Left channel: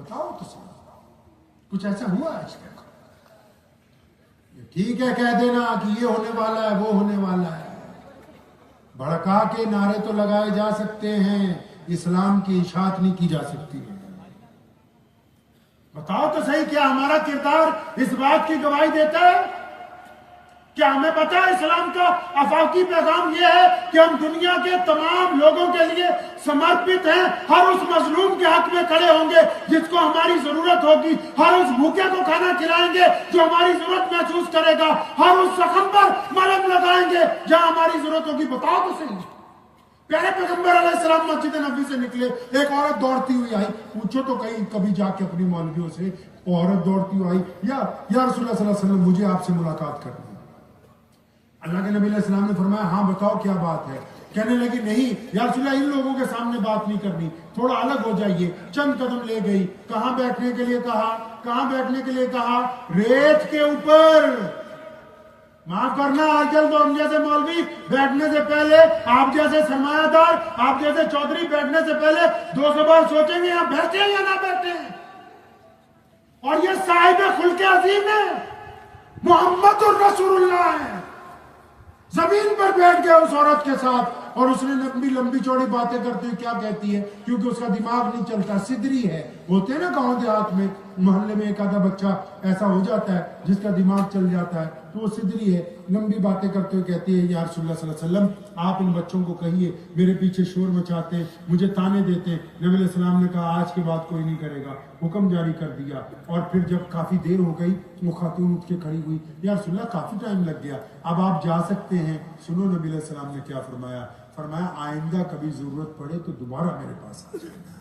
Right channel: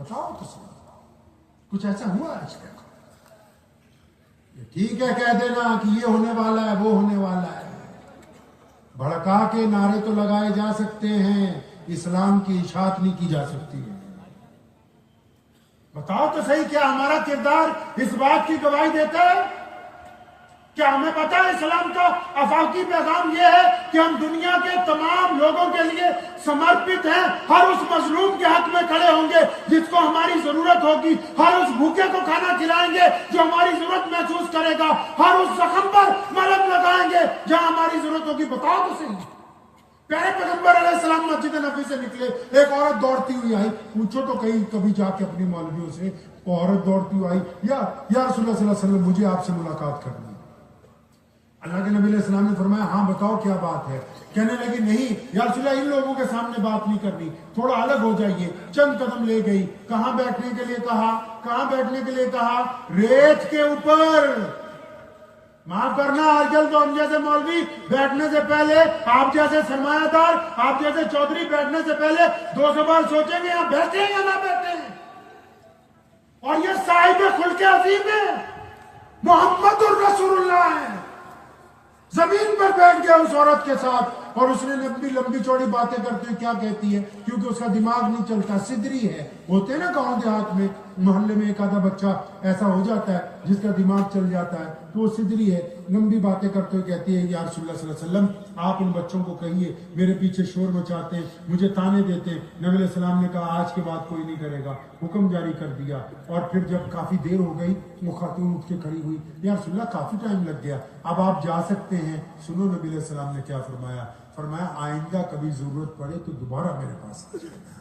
बताओ तो सही, कुछ ऐसा हुआ आज तक? ठीक है कह देना कि ये होने वाला है, वो होने वाला है, भड़का के नारे तो लगाए जा सकते हैं, इस्लाम की इशाअत नहीं की जा सकती है। बताओ तो सही, क्या हमारा किरदार इस बात की गवाही देता है? क्या हमें पता है इस्लाम का अफाकी पैगाम यह है कि हम दुनिया के तमाम लोगों के लिए समर्पित हैं, हर उस मजलूम के हक में खड़े होंगे जिसको हमारी जरूरत होगी, हर उस भूखे को खाना खिलाएंगे जो हमारी जरूरत महसूस करेगा, हर उस जख्म पर मलहम लगाएंगे जहां हमारी जरूरत होगी। बताओ तो सही, प्यारे पैगंबर अलैहिस्सलाम मस्जिद नबी से निकले, एक औरत दौड़ती हुई आई, पूछो तो कहीं कभी जाके अपनी मौलवियों से, औरत दौड़ती हुई आई, या रसूलुल्लाह सल्लल्लाहु अलैहि वसल्लम मुझे आपसे मुलाकात करनी है। अल्लाह के नबी अलैहिस्सलाम ने फरमाया हाँ बताओ क्या बात है। कहने लगी नहीं या रसूलल्लाह इन लोगों के सामने बात नहीं करनी, थोड़ा अलग हो जाइए। चंद कदम ले गई, कहाँ बैठने के लिए कहा, कहाँ बैठने के लिए कहा, रेत के ऊपर। माफ करना आजकल तो हम जैसे मौलवी बैठने से पहले, आप जैसे सरमायादार, आप जैसे चौधरी बैठने से पहले 200 बार सोचेंगे या बैठे हैं या ना बैठे हैं। और ये साहिब खुल्के अजीम है, मोहम्मद और रसूलुल्लाह है। जमीन पर बैठ गया उस औरत के साथ और उसने लंबी लंबी चौड़ी बातें करते हुए क्या कहती है, क्योंकि उसका दिमाग नहीं चलता, सिदरी है। होते ना गांव देहात में, मोहल्ले में एक आधा बच्चा ऐसा हो जाता है जिसका दिमाग चल जाता है, तो वो सिदरी है। लंबी बातें करते हुए कहती है या रसूलुल्लाह सल्लल्लाहु अलैहि वसल्लम आप इन बच्चों को कहिए मेरे पीछे शोर मचाते, मुझे ताने देते। नबी अलैहि सलाम ने कहा आज के बाद कोई नहीं करेगा, हुक्म जारी कर दिया। और फिर जब काफी देर हो गई वो खातून उठ के खड़ी हुई, या रसूलुल्लाह काफी टाइम लग गया, अब आप जा सकते हैं। सुनो नबी अलैहि सलाम ने क्या फरमाया, फरमाया आइंदा कभी जरूरत पड़े तो दोबारा मेरे पास आ जाना।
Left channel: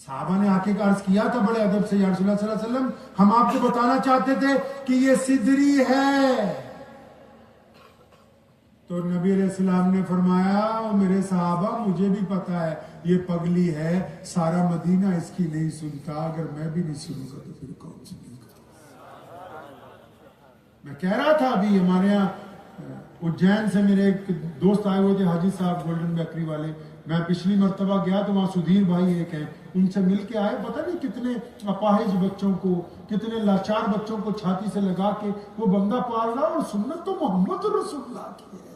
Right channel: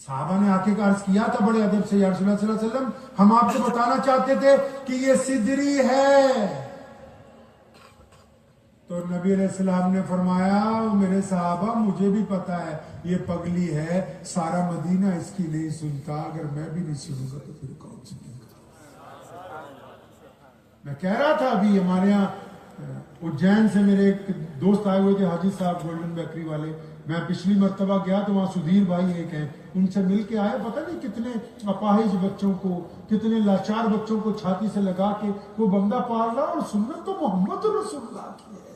साहबा ने आके अर्ज किया था बड़े अदब से, या रसूलुल्लाह सल्लल्लाहु अलैहि वसल्लम हम आपको बताना चाहते थे कि ये सिदरी है। तो नबी अलैहिस्सलाम ने फरमाया मेरे साहबा मुझे भी पता है ये पगली है, सारा मदीना इसकी नहीं सुनता, अगर मैं भी नहीं सुनूंगा तो फिर कौन सुनेगा। मैं कह रहा था अभी हमारे यहाँ उज्जैन से मेरे एक दोस्त आए हुए थे, हाजी साहब गोल्डन बेकरी वाले। मैं पिछली मर्तबा गया तो वहाँ सुधीर भाई एक हैं, उनसे मिल के आए। पता नहीं कितने अपाहिज बच्चों को, कितने लाचार बच्चों को छाती से लगा के वो बंदा पाल रहा, और सुन्नत तो मोहम्मद रसूलुल्लाह की है।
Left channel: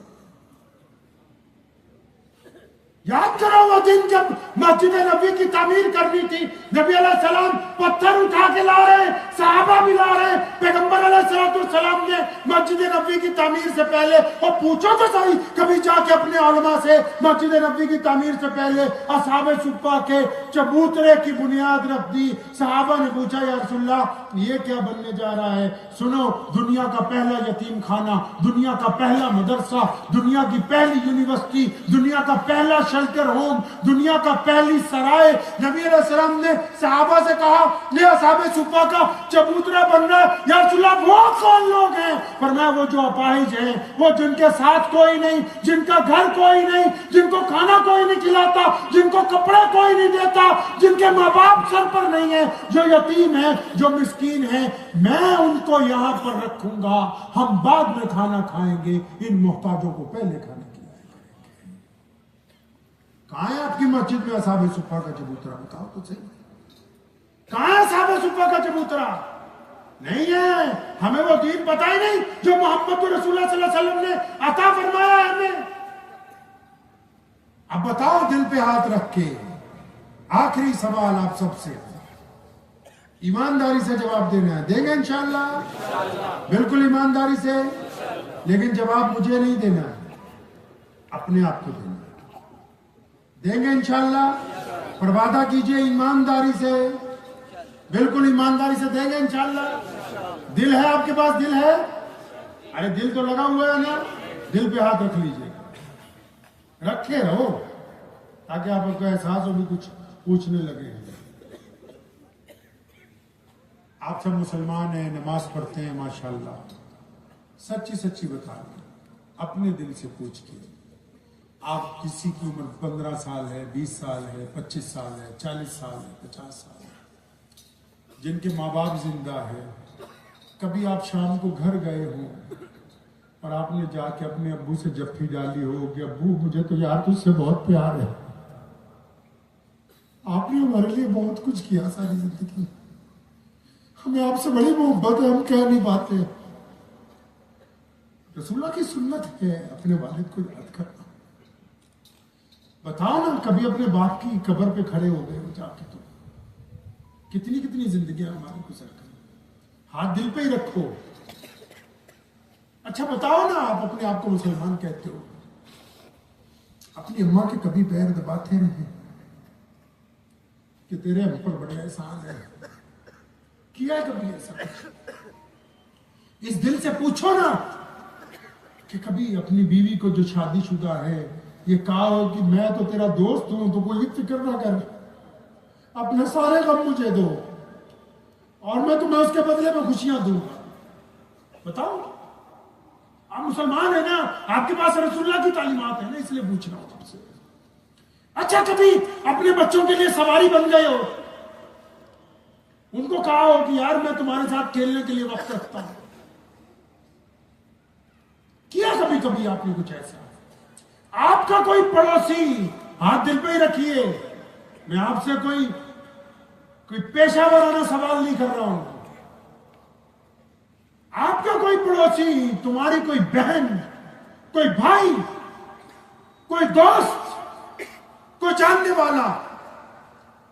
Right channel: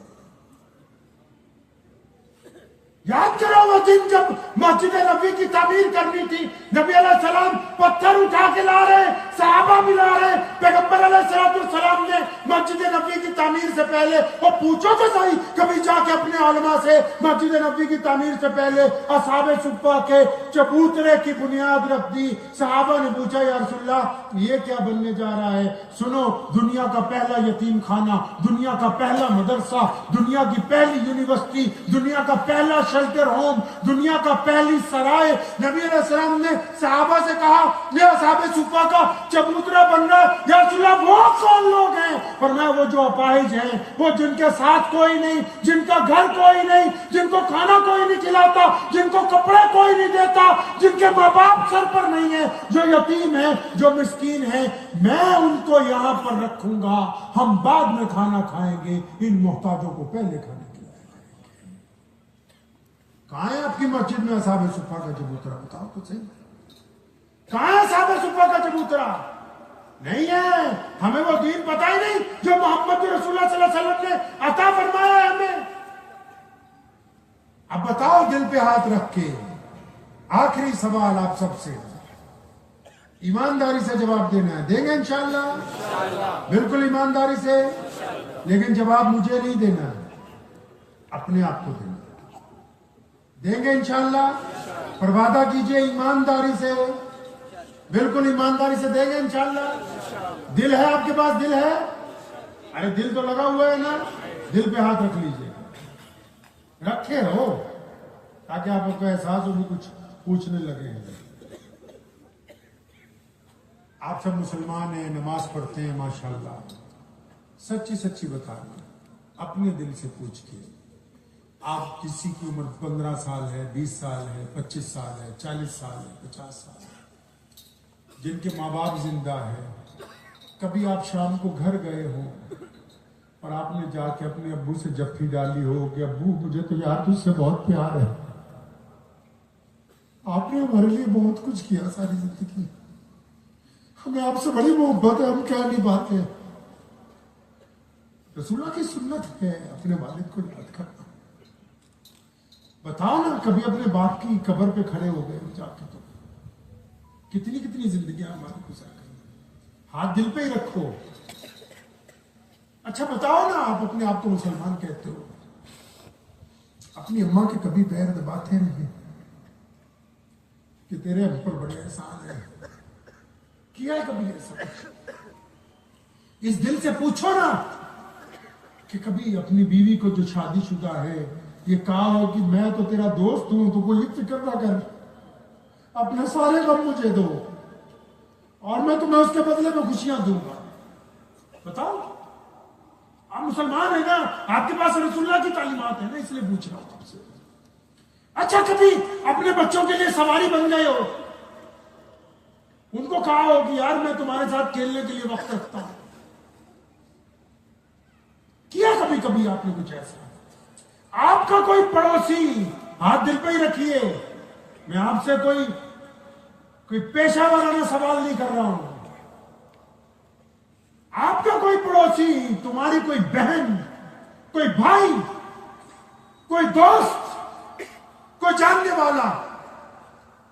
याद करो वो दिन जब मस्जिद नबी की तामीर करनी थी, नबी अलैहिस्सलाम पत्थर उठा के ला रहे, सहाबा भी ला रहे, पैगंबर अलैहिस्सलाम ने मस्जिद नबी की तामीर से पहले, और पूछो तो सही कभी जाके अपने उलमा से, मस्जिद नबी की तामीर से पहले असहाबे सुफ्फा के चबूतरे की बुनियाद रख दी। सहाबा ने पूछा या रसूलल्लाह ये क्या बनने जा रहा है? सुनो, दुनिया का पहला यतीम खाना, दुनिया का पहला मदरसा, दुनिया की पहली यूनिवर्सिटी, दुनिया का पहला शेल्टर होम, दुनिया का पहली सराय। नबी अलैहिस्सलाम ने सहाबा से कहा ये असहाबे सुफ्फा का चबूतरा बन रहा है, या रसूलल्लाह वो कौन लोग हैं? फरमाया वो जो अपाहिज हैं, वो जिनके साथ कोई नहीं, जिनका घर कोई नहीं, जिनको खाना कोई नहीं खिलाता, जिनको कपड़े कोई नहीं देता, जिनके माँ बाप सर पर नहीं है, जो यतीम है, जो मिस्कीन है, मैं उनको यहाँ पर रखूंगा, हम बाद में खाना खाएंगे, इन मोहताजों को पहले खाना खिलाएंगे। कहाँ है आपकी मस्जिद में असहाबे सुफ्फा का चबूतरा? बताओ तो सही, कहाँ है असहाबे सुफ्फा का चबूतरा? नहीं है। हमें वो दीन पता ही नहीं जो मोहम्मद रसूलुल्लाह सल्लल्लाहु अलैहि वसल्लम ने अता फरमाया हमें। अब बताओ दिल पे हाथ रख के, आखिरी सवाल आप सबसे, ईमानदारी से जवाब देना है। देंगे इंशाअल्लाह, बिल्कुल ईमानदारी से, लेकिन जवाब मुझे नहीं देना है, अपने आप को देना। देंगे इंशाअल्लाह, पर वादा कीजिए ईमानदारी से, बिल्कुल ईमानदारी से देंगे इंशाअल्लाह। दिल है आपके पास? दिल है? अरे दिल तो लगा हुआ है ना, दिल पे हाथ रख लीजिए, रखे हो, ताकि आपको एहसास हो भी कुछ पूछने लगे। आप सब मुसलमान हैं, नमाज पढ़ते हैं माशाल्लाह, सच्ची सच्ची बता अपने दिल से पूछ के, आप किसी की उम्र 15 साल है, 20 साल है, 25 साल है, 40 साल है, 50 साल है, जिनके माँ बाप जिंदा है, कभी आप शाम को घर गए हो और आपने जाके अपने अब्बू से जफ्फी डाली हो कि अब्बू मुझे तो यार तुझसे बहुत प्यार है, आपने ہمارے لیے بہت کچھ کیا ساری زندگی، ہمیں آپ سے بڑی محبت ہے، ہم کہہ نہیں پاتے۔ رسول اللہ کی سنت ہے اپنے والد کو یاد کرنا۔ بتاؤ نا، کبھی اپنے باپ کی قبر پہ کھڑے ہو گئے جا کے، کتنی کتنی زندگیاں ہماری گزر گئی، ہاتھ دل پہ ہی رکھو۔ اچھا بتاؤ نا، آپ اپنے آپ کو مسلمان کہتے ہو، اپنی اماں کے کبھی پیر دباتے نہیں کہ تیرے ہم پر بڑے احسان ہے؟ کیا کبھی ایسا؟ اس دل سے پوچھو نا کہ کبھی اپنی بیوی کو جو شادی شدہ ہے یہ کہا ہو کہ میں تو تیرا دوست ہوں، تو کوئی فکر نہ کر، اپنے سارے غم مجھے دو اور میں تمہیں اس کے بدلے میں خوشیاں دوں گا۔ بتاؤ، آپ مسلمان ہیں نا، آپ کے پاس رسول اللہ کی تعلیمات ہیں نا، اس لیے پوچھ رہا ہوں تم سے۔ اچھا کبھی اپنے بچوں کے لیے سواری بن گئے ہو، ان کو کہا ہو کہ یار میں تمہارے ساتھ کھیلنے کے لیے وقت رکھتا ہوں؟ کیا کبھی کبھی آپ نے کچھ ایسا؟ آپ کا کوئی پڑوسی، ہاتھ دل پہ ہی رکھیے، میں آپ سے کوئی پیشہ ورانہ سوال نہیں کر رہا ہوں، آپ کا کوئی پڑوسی، تمہاری کوئی بہن، کوئی بھائی، کوئی دوست، کوئی جاننے والا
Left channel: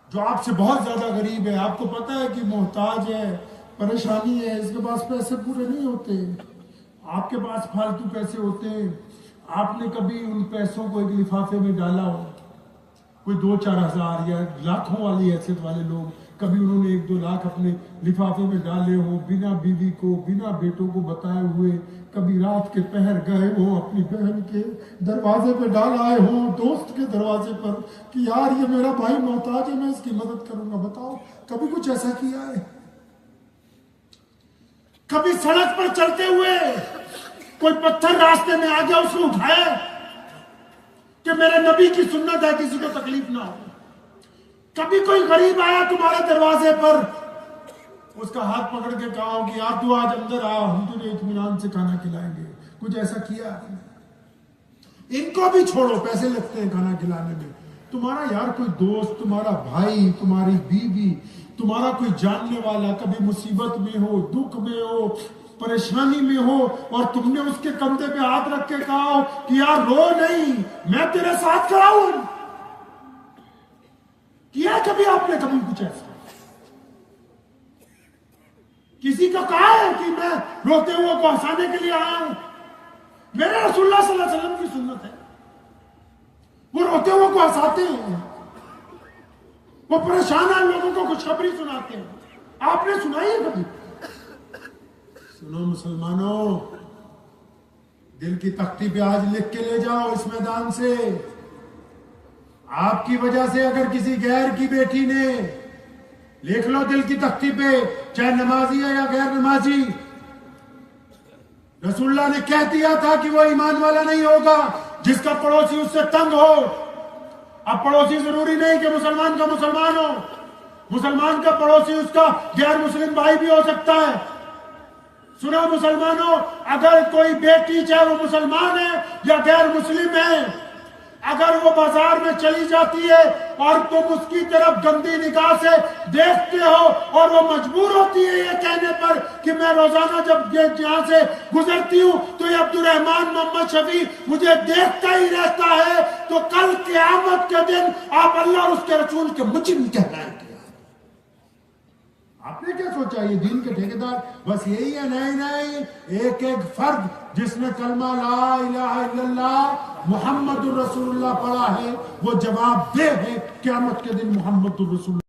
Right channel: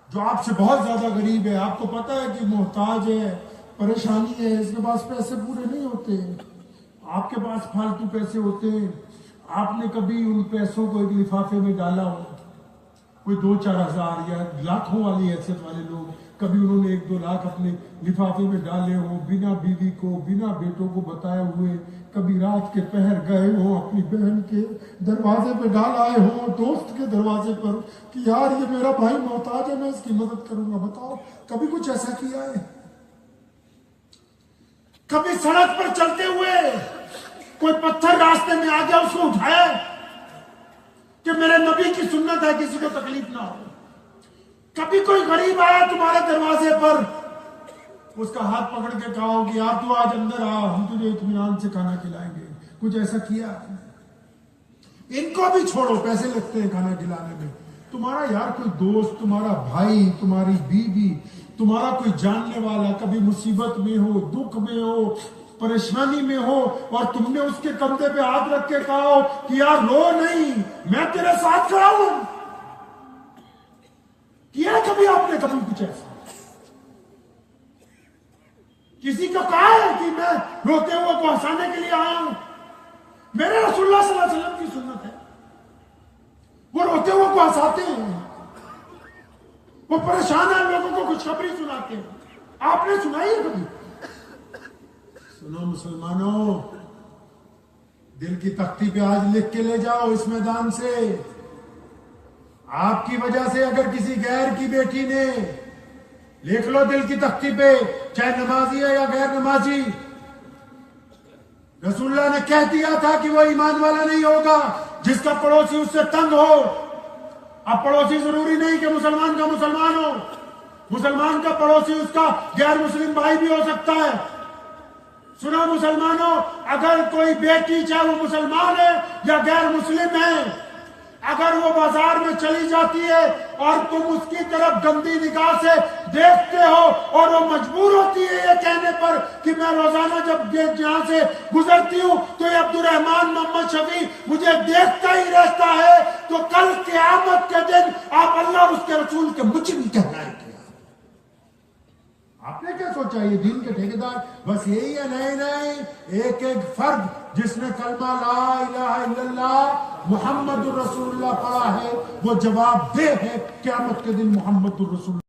جو آپ سے بہت زیادہ غریب ہے، آپ کو پتا ہے کہ محتاج ہے، پریشانی ہے، اس کے پاس پیسے پورے نہیں ہوتے، آپ کے پاس فالتو پیسے ہوتے ہیں، آپ نے کبھی ان پیسوں کو ایک لفافے میں ڈالا ہو؟ کوئی 2-4 ہزار یا لاکھوں والی حیثیت والے لوگ، کبھی انہوں نے 1-2 لاکھ اپنے لفافے میں ڈالے ہوں، بنا بیوی کو، بنا بیٹوں کو بتائے ہوئے، کبھی رات کے پہر گئے ہوں اپنی بہن کے دروازے پہ ڈال آئے ہوں، دوست کے دروازے پر کہ یار یہ میرا بھائی محتاج ہے، میں اس کی مدد کروں گا؟ بتاؤ کبھی کچھ ایسا کیا ہے؟ کبھی سڑک پر چلتے ہوئے کوئی پتھر راستے میں آ گیا، اس کو اٹھایا کہ میرے نبی کی سنت ہے کسی کو تکلیف نہ ہو؟ کبھی کوئی غریب آیا تمہارے دروازے پر، اس کا ہاتھ پکڑ کے کہا ہو کہ یار تو آج اندر آ، ہم تجھے اطمینان سے کھانا کھلائیں گے؟ کچھ ایسا کیا؟ ان کو بھی چھوڑو، پیسے لگتے ہیں کھانا کھلانے میں، تمہارا یار کوئی دوست، تمہارا بھائی، تمہاری بیوی، تمہارا کوئی جاننے والا کبھی مصیبت میں ہو، دکھ میں ہو، پریشانی میں ہو، اور تم نے اس کے کندھے پہ ہاتھ رکھ کے کہا ہو کہ یار رو نہیں، میں تیرے ساتھ کھڑا ہوں؟ کیا کبھی آپ نے کبھی کچھ ایسا؟ کسی کو کہا ہے کہ میں روتے ہوئے کو ہنسانے کے لیے آیا ہوں؟ میرے رسول اللہ صلی اللہ علیہ وسلم کی سنت ہے، وہ روتے ہوئے کو ہنساتے ہیں، وہ پریشان لوگوں کو خوشخبری سناتے ہیں۔ آپ نے سنائی ہے کبھی؟ سنو مسلمانوں، دل کی تختی پہ آج لکھ کے لے جاؤ اس میدان سے، آپ کی وجہ سے اگر کسی غیر کی بیٹی نے، لکھ لو دل کی تختی پہ، چاہے نمازی ہے یا غیر نمازی، رسول اللہ نے کہہ دیا تھا کہ وہ ایمان والا نہیں ہوگا جس کا پڑوسی اس سے تنگ ہو۔ اب پڑوسی ضروری نہیں کہ مسلمان کا مسلمان ہو، مسلمان کا پڑوسی اس کا غیر مسلم بھائی بھی ہو سکتا ہے۔ سنو مسلمانوں، اگر کوئی بیٹی چاہے وہ مسلمان ہے یا غیر مسلم ہے، اگر وہ بازار میں چلی جاتی ہے اور تم اس کی طرف گندی نگاہ سے دیکھتے ہو اور وہ مجبور ہوتی ہے یہ کہنے پر کہ میں روزانہ جب یہاں سے گزرتی ہوں تو یہ عبد الرحمان محمد شفیع مجھے دیکھتا ہی رہتا ہے، تو کل قیامت کے دن آپ اللہ اور اس کے رسول کے مجرم کہلائیں گے۔ آپ نے کیا سوچا یہ دین کے ٹھیکیدار بس یہی ہے؟ نہیں، ایک ایک فرد جس نے کلمہ لا الہ الا اللہ محمد الرسول اللہ پڑھا ہے وہ جواب دہ ہے قیامت کے دن محمد الرسول اللہ۔